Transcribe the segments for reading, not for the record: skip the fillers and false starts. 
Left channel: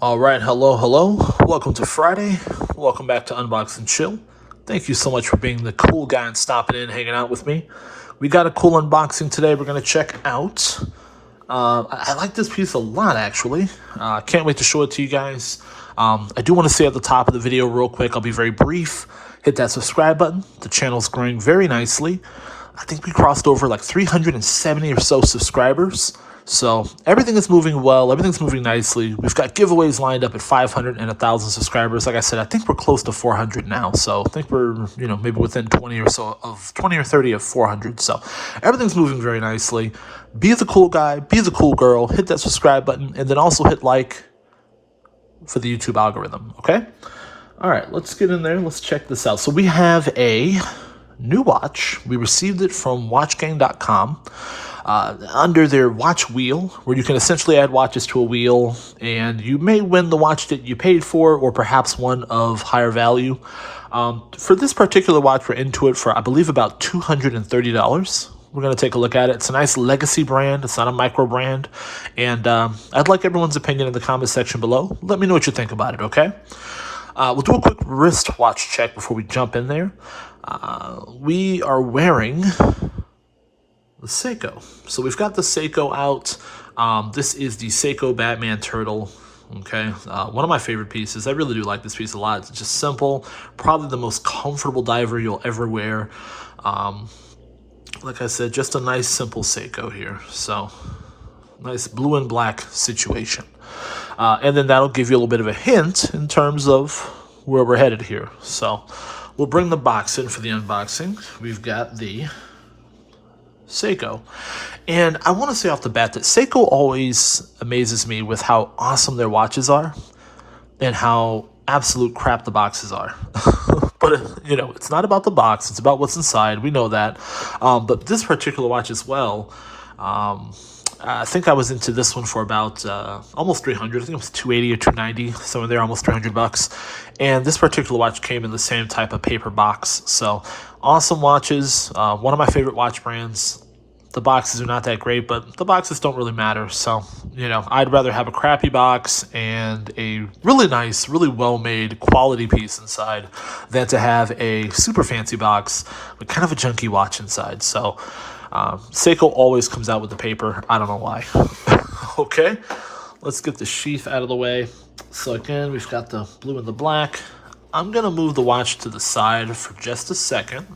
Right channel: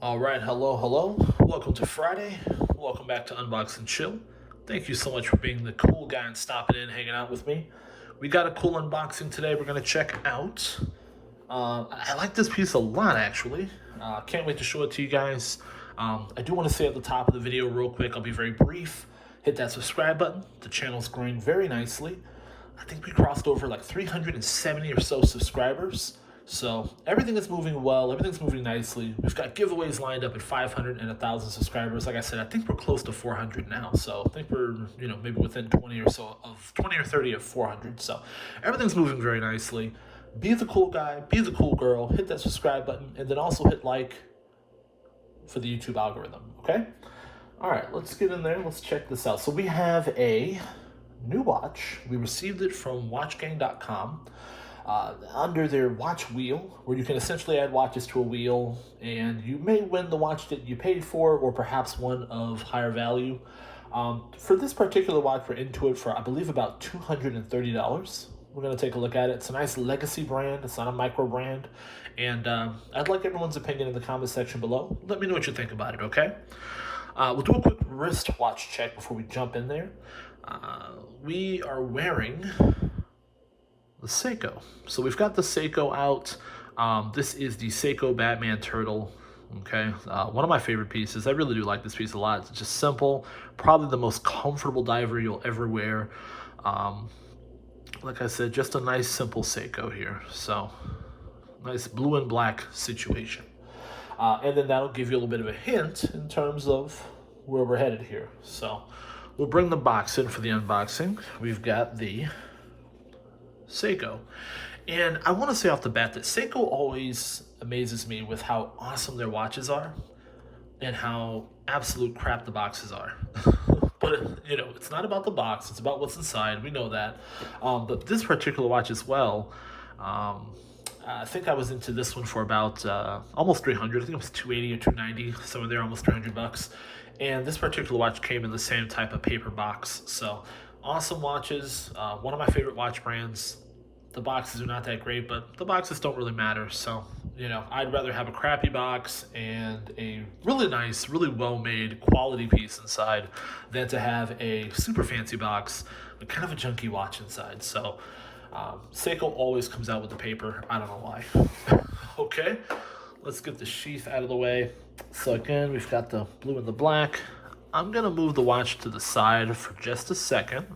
Alright, hello. Welcome to Friday. Welcome back to Unbox and Chill. Thank you so much for being the cool guy and stopping in, hanging out with me. We got a cool unboxing today we're going to check out. I like this piece a lot, actually. Can't wait to show it to you guys. I do want to say at the top of the video real quick, I'll be very brief. Hit that subscribe button. The channel's growing very nicely. I think we crossed over like 370 or so subscribers. So everything is moving well. Everything's moving nicely. We've got giveaways lined up at 500 and 1,000 subscribers. Like I said, I think we're close to 400 now. So I think we're, maybe within 20 or 30 of 400. So everything's moving very nicely. Be the cool guy. Be the cool girl. Hit that subscribe button. And then also hit like for the YouTube algorithm. Okay? All right, let's get in there. Let's check this out. So we have a new watch. We received it from watchgang.com. Under their watch wheel, where you can essentially add watches to a wheel, and you may win the watch that you paid for, or perhaps one of higher value. For this particular watch, we're into it for, I believe, about $230. We're going to take a look at it. It's a nice legacy brand. It's not a micro brand. And I'd like everyone's opinion in the comment section below. Let me know what you think about it, okay? We'll do a quick wristwatch check before we jump in there. We are wearing the Seiko. So we've got the Seiko out. This is the Seiko Batman Turtle. Okay, one of my favorite pieces. I really do like this piece a lot. It's just simple, probably the most comfortable diver you'll ever wear. Like I said, just a nice simple Seiko here. So nice blue and black situation. And then that'll give you a little bit of a hint in terms of where we're headed here. So we'll bring the box in for the unboxing. We've got the Seiko. And I want to say off the bat that Seiko always amazes me with how awesome their watches are and how absolute crap the boxes are. But, it's not about the box. It's about what's inside. We know that. But this particular watch as well, I think I was into this one for about almost 300. I think it was 280 or 290, somewhere there, almost 300 bucks. And this particular watch came in the same type of paper box. So awesome watches. One of my favorite watch brands. The boxes are not that great, but the boxes don't really matter. So, I'd rather have a crappy box and a really nice, really well-made quality piece inside than to have a super fancy box with kind of a junky watch inside. So, Seiko always comes out with the paper. I don't know why. Okay, let's get the sheath out of the way. So again, we've got the blue and the black. I'm going to move the watch to the side for just a second.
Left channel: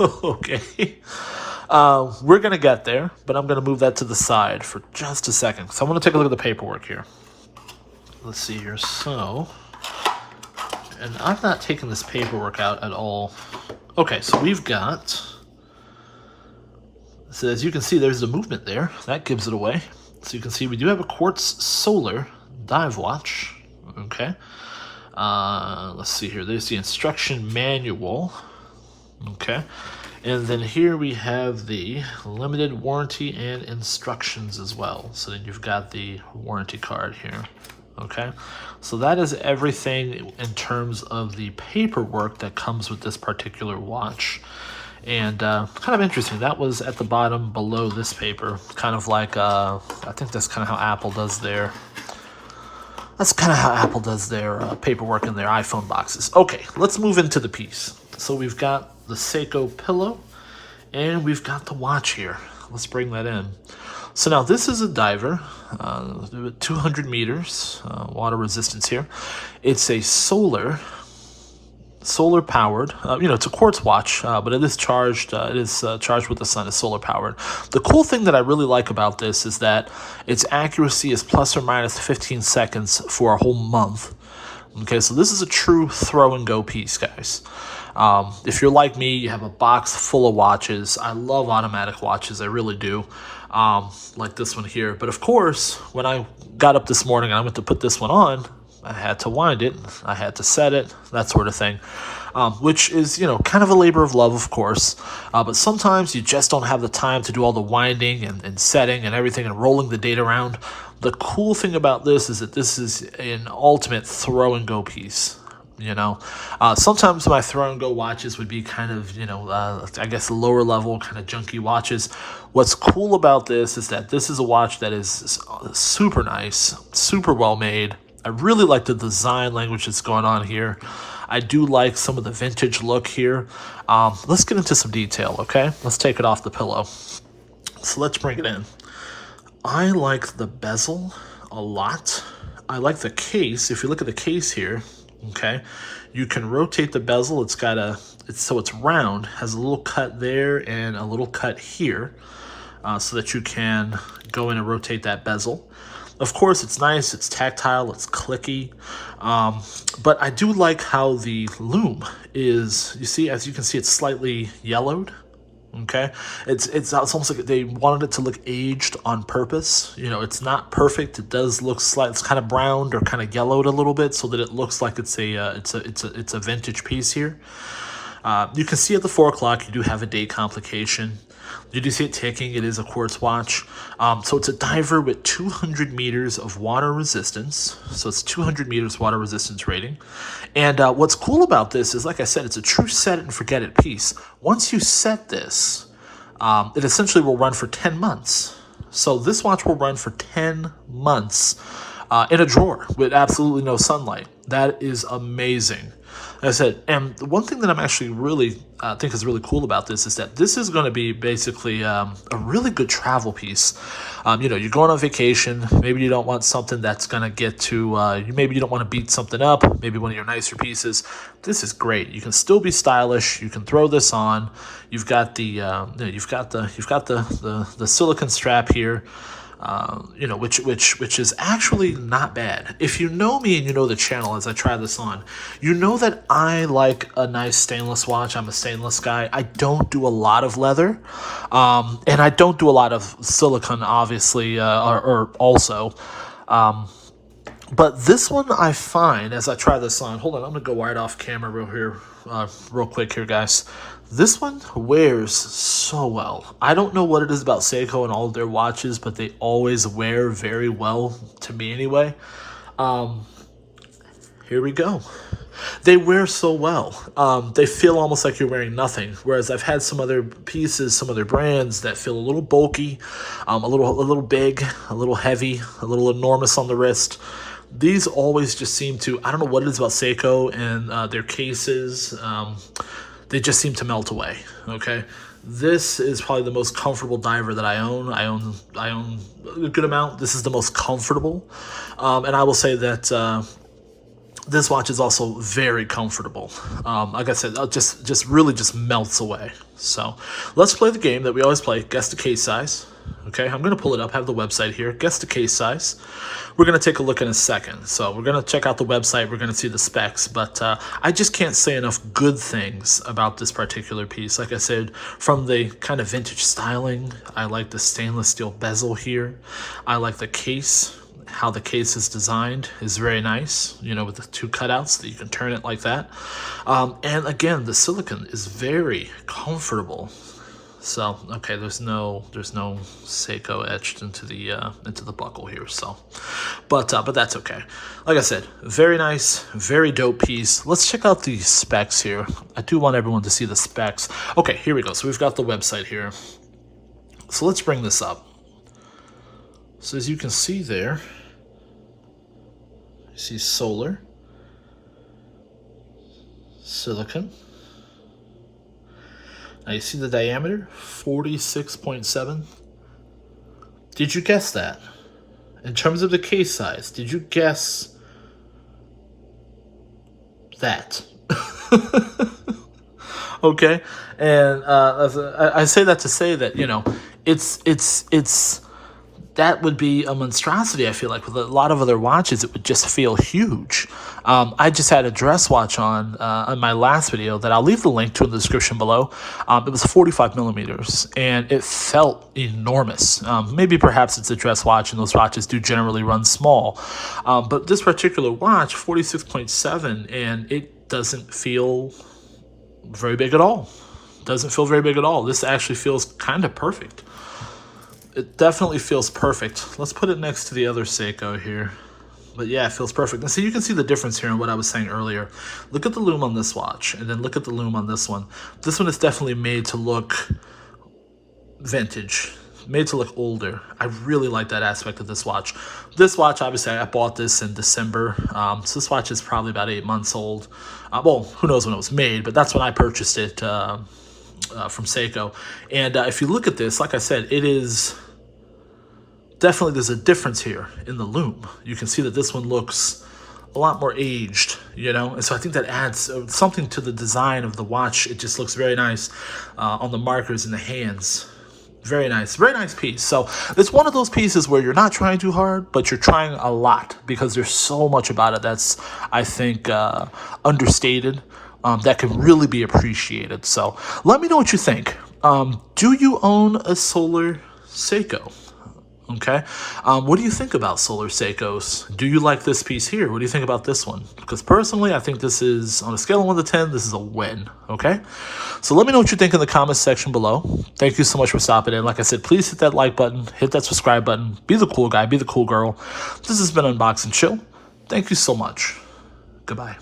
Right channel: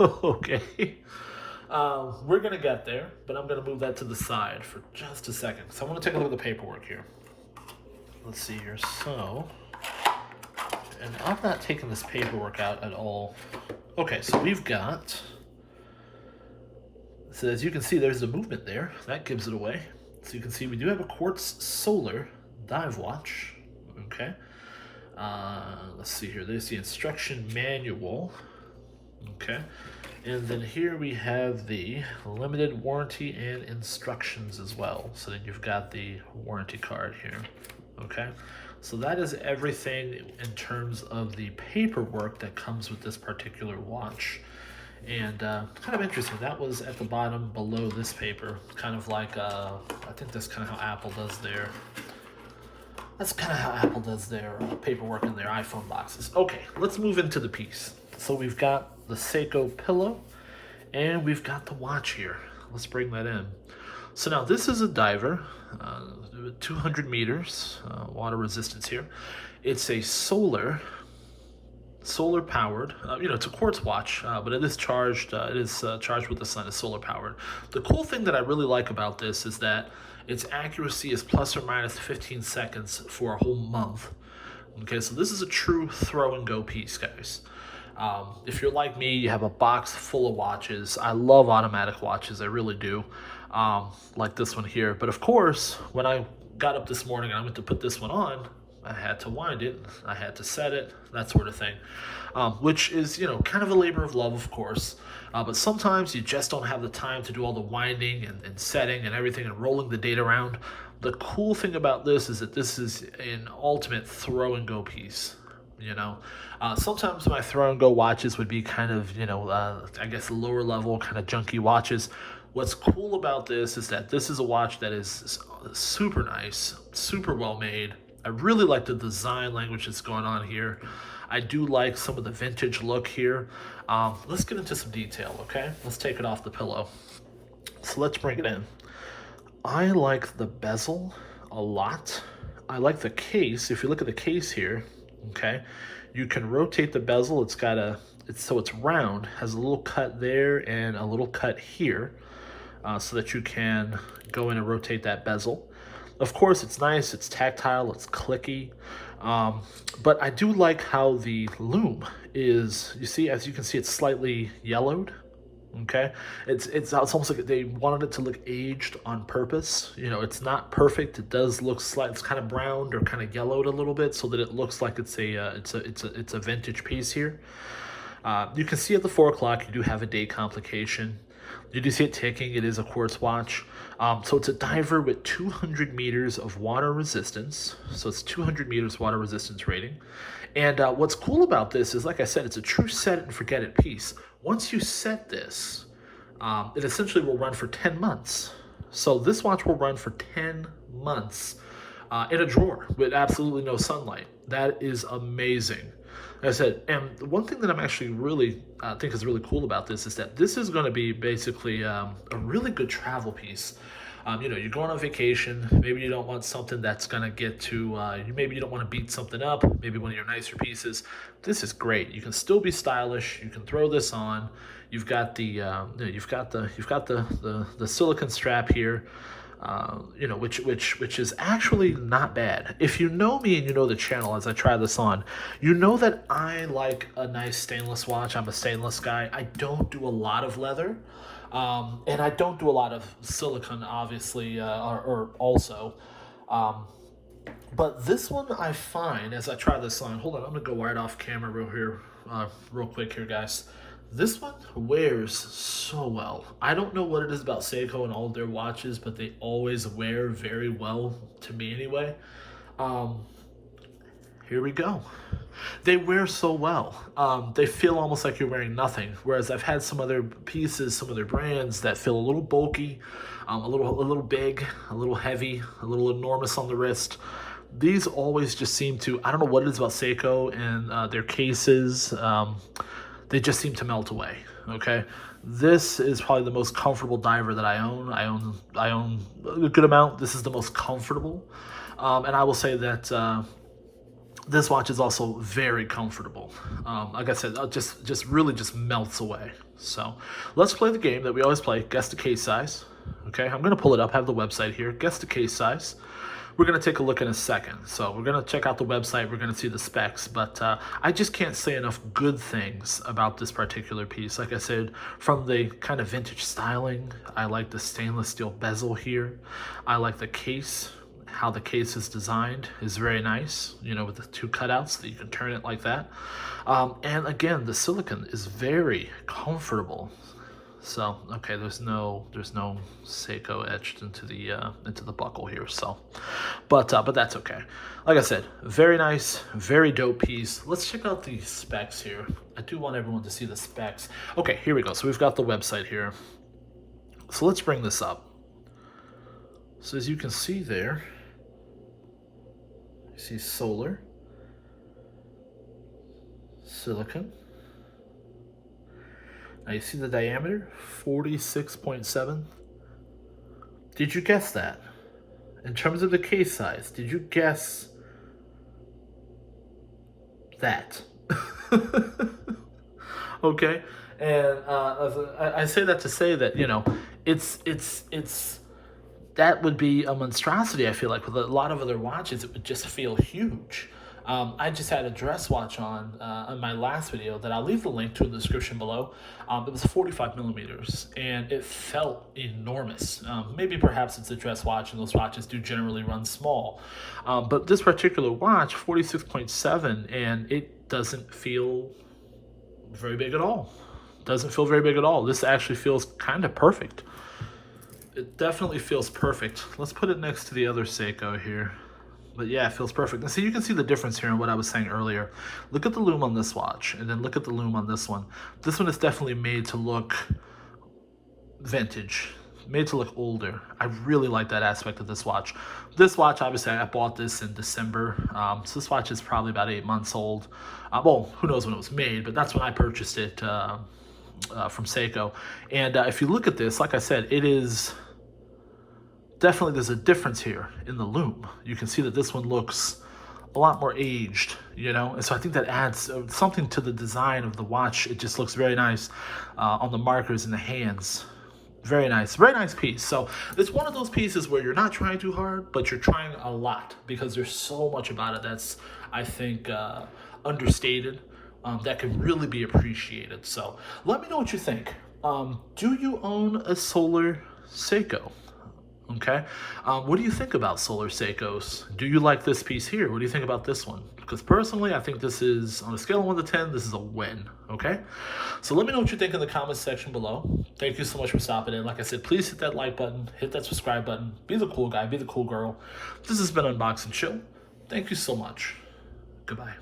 Okay. We're going to get there, but I'm going to move that to the side for just a second. So I'm going to take a look at the paperwork here. Let's see here. So, and I've not taken this paperwork out at all. Okay, so we've got, so as you can see, there's the movement there. That gives it away. So you can see we do have a quartz solar dive watch. Okay. Let's see here. There's the instruction manual. Okay. And then here we have the limited warranty and instructions as well. So then you've got the warranty card here. Okay. So that is everything in terms of the paperwork that comes with this particular watch. And kind of interesting, that was at the bottom below this paper. Kind of like, I think that's kind of how Apple does their, paperwork in their iPhone boxes. Okay, let's move into the piece. So we've got the Seiko pillow, and we've got the watch here. Let's bring that in. So now this is a diver, 200 meters, water resistance here. It's a solar powered, it's a quartz watch, but it is charged. Charged with the sun. It's solar powered. The cool thing that I really like about this is that its accuracy is plus or minus 15 seconds for a whole month. Okay, so this is a true throw and go piece, guys. If you're like me, you have a box full of watches. I love automatic watches. I really do. Like this one here. But of course, when I got up this morning and I went to put this one on, I had to wind it, I had to set it, that sort of thing, which is, kind of a labor of love, of course, but sometimes you just don't have the time to do all the winding and setting and everything and rolling the date around. The cool thing about this is that this is an ultimate throw and go piece. you know. Sometimes my throw and go watches would be kind of, I guess lower level, kind of junky watches. What's cool about this is that this is a watch that is super nice, super well made. I really like the design language that's going on here. I do like some of the vintage look here. Let's get into some detail, okay? Let's take it off the pillow. So let's bring it in. I like the bezel a lot. I like the case. If you look at the case here, okay, you can rotate the bezel. So it's round, has a little cut there and a little cut here, so that you can go in and rotate that bezel. Of course, it's nice, it's tactile, it's clicky, but I do like how the lume is, you see, as you can see, it's slightly yellowed, okay? It's almost like they wanted it to look aged on purpose. It's not perfect. It does look it's kind of browned or kind of yellowed a little bit so that it looks like it's a vintage piece here. You can see at the 4 o'clock, you do have a date complication. You do see it ticking. It is a quartz watch. So it's a diver with 200 meters of water resistance. So it's 200 meters water resistance rating. And what's cool about this is, like I said, it's a true set it and forget it piece. Once you set this, it essentially will run for 10 months. So this watch will run for 10 months in a drawer with absolutely no sunlight. That is amazing. Like I said, and one thing that I'm actually really think is really cool about this is that this is going to be basically a really good travel piece. You're going on vacation. Maybe you don't want something that's going to get to, maybe you don't want to beat something up. Maybe one of your nicer pieces. This is great. You can still be stylish. You can throw this on. You've got the silicone strap here. Which is actually not bad. If you know me and you know the channel as I try this on, you know that I like a nice stainless watch. I'm a stainless guy. I don't do a lot of leather, and I don't do a lot of silicone, obviously, or also. But this one I find, as I try this on, hold on, I'm going to go right off camera real quick here, guys. This one wears so well. I don't know what it is about Seiko and all of their watches, but they always wear very well, to me anyway. Here we go. They wear so well. They feel almost like you're wearing nothing. Whereas I've had some other pieces, some other brands that feel a little bulky, a little big, a little heavy, a little enormous on the wrist. These always just seem to, I don't know what it is about Seiko and their cases. They just seem to melt away, okay? This is probably the most comfortable diver that I own. I own a good amount. This is the most comfortable. And I will say that this watch is also very comfortable. Like I said, just really melts away. So let's play the game that we always play, guess the case size. Okay, I'm going to pull it up, have the website here, guess the case size. We're going to take a look in a second. So we're going to check out the website. We're going to see the specs. But I just can't say enough good things about this particular piece. Like I said, from the kind of vintage styling, I like the stainless steel bezel here. I like the case. How the case is designed is very nice, with the 2 cutouts that you can turn it like that. And again, the silicone is very comfortable. So, okay, there's no Seiko etched into the buckle here. So, but that's okay. Like I said, very nice, very dope piece. Let's check out the specs here. I do want everyone to see the specs. Okay, here we go. So we've got the website here. So let's bring this up. So as you can see there, you see solar, silicone. Now you see the diameter, 46.7. Did you guess that? In terms of the case size, did you guess that? Okay, and I say that to say that it's that would be a monstrosity. I feel like with a lot of other watches, it would just feel huge. I just had a dress watch on my last video that I'll leave the link to in the description below. It was 45 millimeters, and it felt enormous. Maybe perhaps it's a dress watch, and those watches do generally run small. But this particular watch, 46.7, and it doesn't feel very big at all. Doesn't feel very big at all. This actually feels kind of perfect. It definitely feels perfect. Let's put it next to the other Seiko here. But yeah, it feels perfect. And so you can see the difference here in what I was saying earlier. Look at the loom on this watch, and then look at the loom on this one. This one is definitely made to look vintage, made to look older. I really like that aspect of this watch. This watch, obviously, I bought this in December. So this watch is probably about 8 months old. Well, who knows when it was made, but that's when I purchased it from Seiko. And if you look at this, like I said, it is definitely, there's a difference here in the loom. You can see that this one looks a lot more aged, you know? And so I think that adds something to the design of the watch. It just looks very nice on the markers in the hands. Very nice piece. So it's one of those pieces where you're not trying too hard, but you're trying a lot because there's so much about it that's, I think, understated, that can really be appreciated. So let me know what you think. Do you own a solar Seiko? Okay. What do you think about solar Seikos? Do you like this piece here? What do you think about this one? Because personally, I think this is, on a scale of 1 to 10, this is a win. Okay. So let me know what you think in the comments section below. Thank you so much for stopping in. Like I said, please hit that like button, hit that subscribe button. Be the cool guy, be the cool girl. This has been Unbox and Chill. Thank you so much. Goodbye.